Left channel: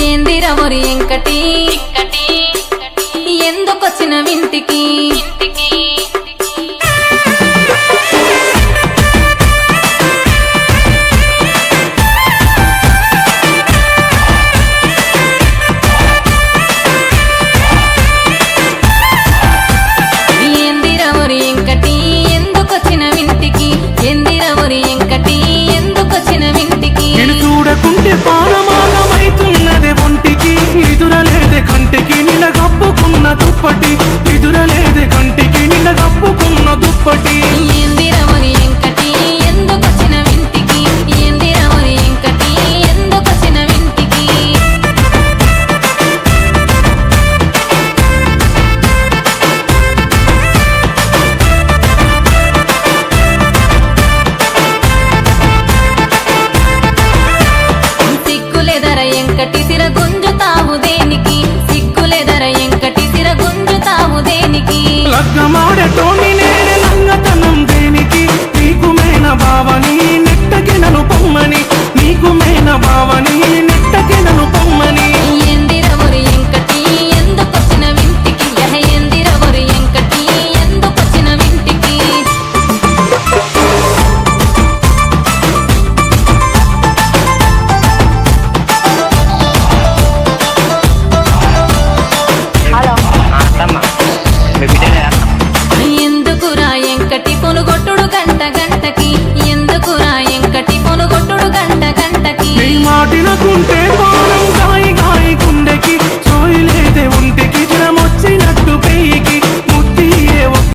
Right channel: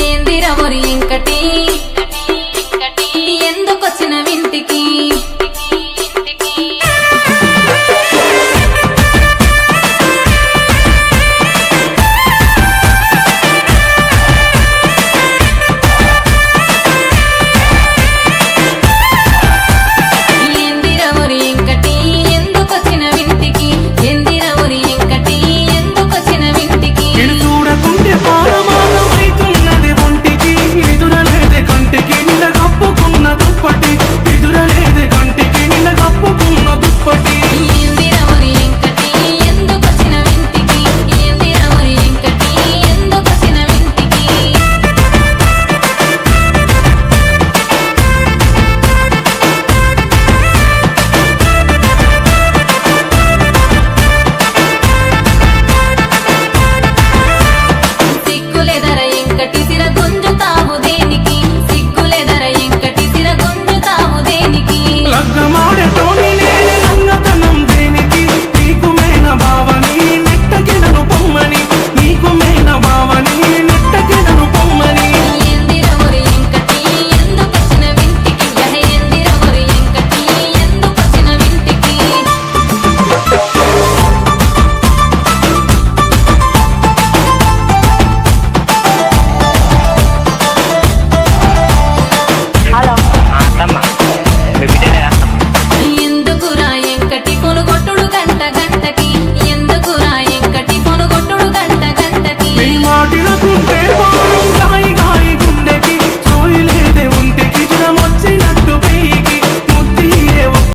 ఏందిరా ఒరి ఎంకటి ఎందుకొచ్చిన వింటికి ఎందుకొచ్చిన వింటికి ఎందిరవరి ఎంకటి ఎందుకొచ్చిన వింటికి నేను చూడకుంటే పారమాగమైతున్నది ఒంటికి ఎదురలేదే కంటికి నిన్న కప్పుకున్న దుప్పటి ఎదురలేదే కంటికి నిన్న కప్పుకున్న దుప్పటి ఎందిరవరి ఎంకటి ఎందుకొచ్చిన వింటికి ఎందిరవరి ఎంకటి ఎందుకొచ్చిన వింటికి సిగ్గులేదర ఎంకటి సిర గుంజుతావు దేనికి సిగ్గులేదర ఎంకటి సిర గుంజుతావు దేనికి లగ్గమాడటోని నేనే లంగతనం దేనికి నీకు మేన బావని నెట్టకెనను పొమ్మని నీకు మేన బావని నెట్టకెనను పొమ్మని ఎందిరవరి ఎంకటి ఎందుకొచ్చిన వింటికి యహ ఎందిరవరి ఎంకటి ఎందుకొచ్చిన వింటికి హలో అత్తమ్మ మీ బిడ్డనే ఎందుకురా ఎంకటి పొనుగొట్టుడు గంట గంటకి ఎందుకురా ఎంకటి పొనుగొట్టుడు గంట గంటకి నీ మాటినకుంటే పానం